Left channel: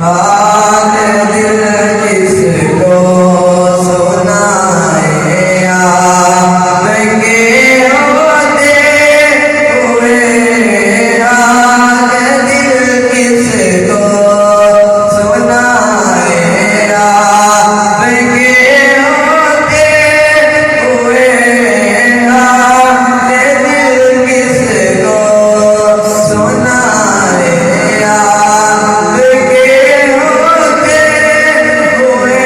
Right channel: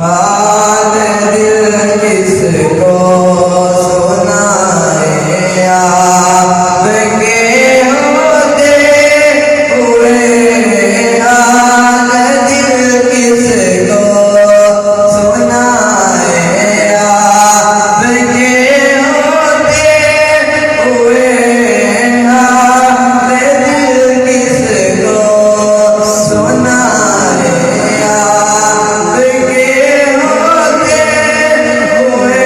हाल दिल किसको सुनाए आपके होते हुए, हाल दिल किसको सुनाए आपके होते हुए, हाल दिल किसको सुनाए आपके होते हुए,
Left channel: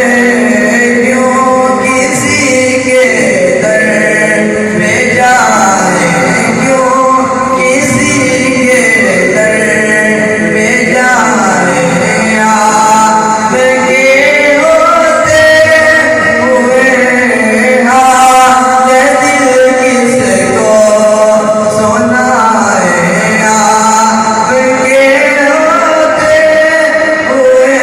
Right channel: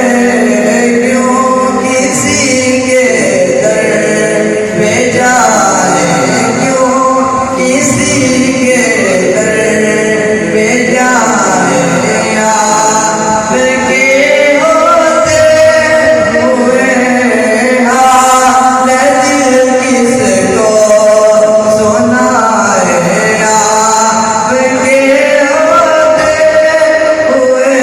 क्यों किसी के दर पे जाए, क्यों किसी के दर पे जाए आपके होते हुए, हाल दिल किसको सुनाए आपके होते हुए।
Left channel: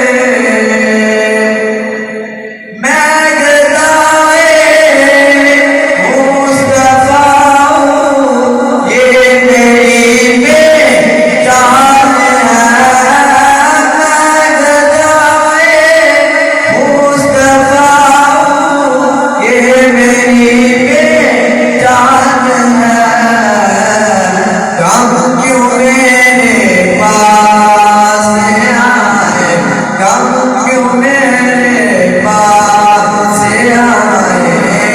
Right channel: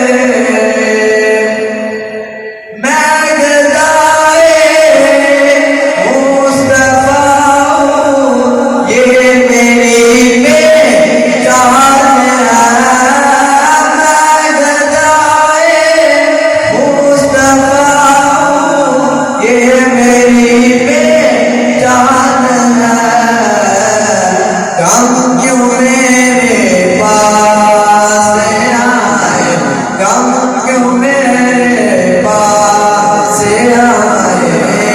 मैं गदाए मुस्तफा हूँ, ये मेरी पहचान है। मैं गदाए मुस्तफा हूँ, ये मेरी पहचान है। कम क्यों मेरे पास आए, कम क्यों मेरे पास आए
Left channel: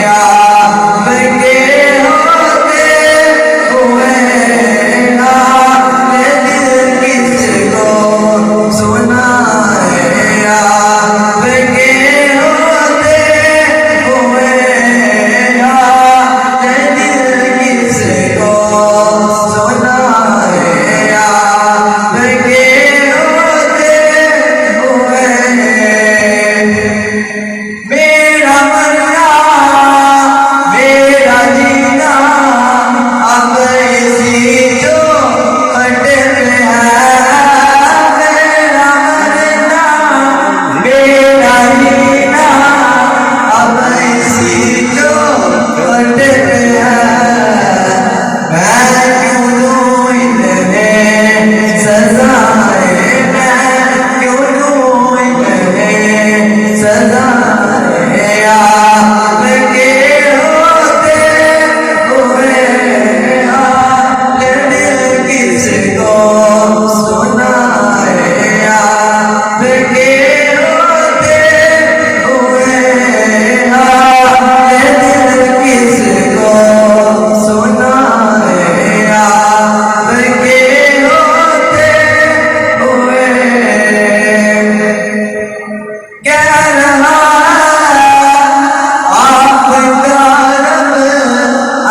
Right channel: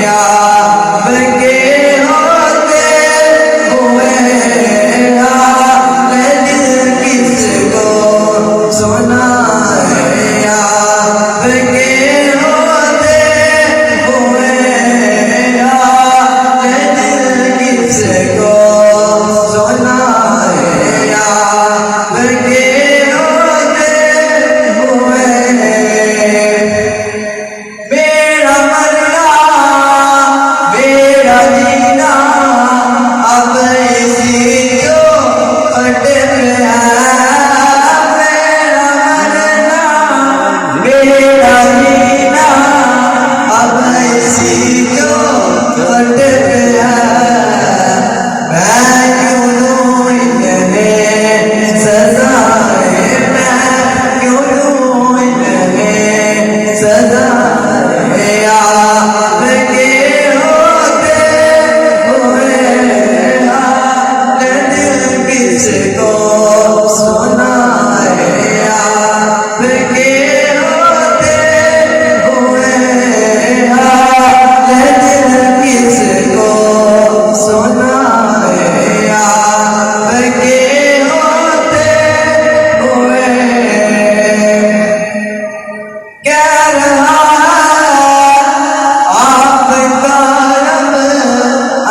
आपके होते हुए, हाल दिल किसको सुनाए आपके होते हुए, हाल दिल किसको सुनाए आपके होते हुए। मेरा मरना मेरा जीना अब इसी जो अटल है। मेरा मरना मेरा जीना अब इसी जो अटल है। मैं क्यों दूं इन्हें सजाए, मैं क्यों दूं इन्हें सजाए आपके होते हुए, हाल दिल किसको सुनाए आपके होते हुए, हाल दिल किसको सुनाए आपके होते हुए। कह रहा आपका रब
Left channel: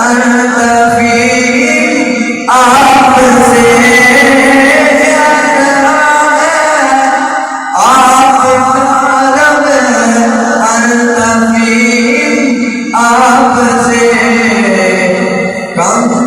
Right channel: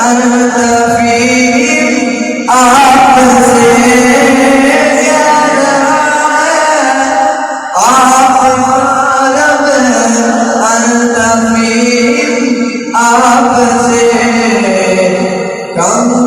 अनतफीम आपसे, कह रहा आपका रब अनतफीम आपसे। कम